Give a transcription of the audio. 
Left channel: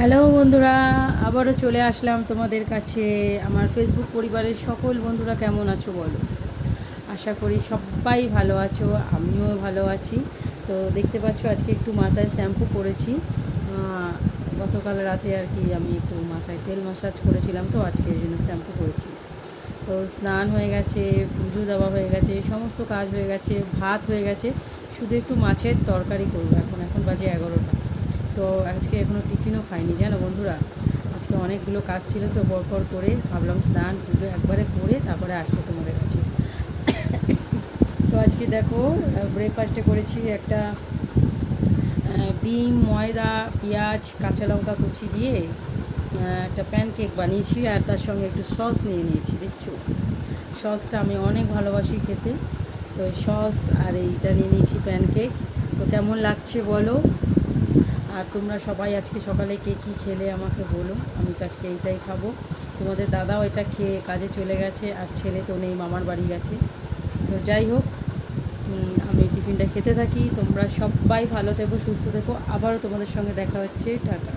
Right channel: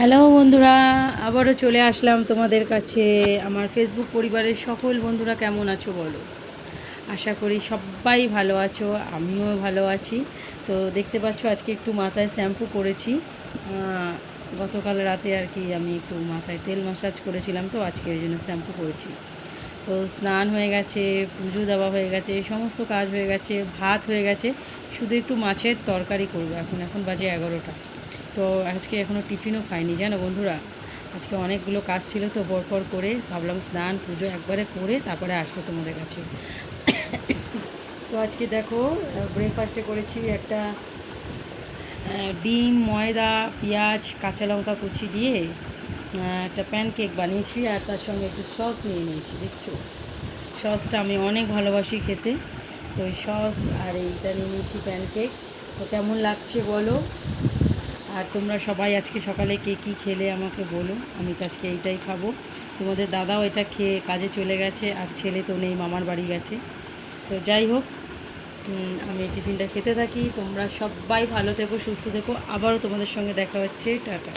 Hello বন্ধুরা, আবারও চলে আসলাম তোমাদের কাছে। আমার ফেসবুক পরিবারের সকল বন্ধুরা কেমন আছো বলো। আশা করি সবাই ভালো আছো, আমিও ভালো আছি। তো দেখতে পাচ্ছ আজকে একটু মাথায় শ্যাম্পু করেছি। গতকাল রাতে আর কি আমি একটু মাথায় তেল ম্যাসাজ করেছিলাম, তো আজকে এই জন্য শ্যাম্পু করেছি। তো স্নান হয়ে গেছে, পুজো দেওয়া হয়ে গেছে, সমস্ত কাজ হয়ে গেছে, ভাত হয়ে গেছে, শুধু একটু মাছের তরকারি করবো। এখন বাজে 11টা। তো আজকে এখনও টিফিনও খাইনি জানো বন্ধুরা। আজকে অনেকগুলো কাজ ছিল, তো পরপর করে ভাবলাম স্নান পুজো একবারে করে তারপরে আসবো তোমাদের কাছে। তো আজকে দেখো, ব্রেকফাস্টে করেছি একটা ডিম, ময়দা, পেঁয়াজ, কাঁচা লঙ্কা কুচি দিয়ে একটা প্যানকেক বানিয়েছি, আর তার সঙ্গে একটু সস নিয়ে নিয়েছি। দেখছো, সসটা আমি অনেক ভালোবাসি খেতে। তো সস আর এইটা নিয়ে নিয়েছি প্যানকেক। তো কেমন লাগছে বলো। আর তোমরা সবাই আজকে সকালে কে কী খেলে আমাকে বলো। আমি তো আজকে এইটাই খাবো। তোমাদের দাদাও এটা খেয়ে কাজে চলে গেছে, আর ছেলে তো নেই, মামার বাড়ি গেছে। তো যাই হোক, আমি এই টিফিনটা খেতে থাকি। তোমরা সবাই ভালো থেকো, সুস্থ থেকো। আবারও তোমাদের সঙ্গে দেখা হচ্ছে। টাটা।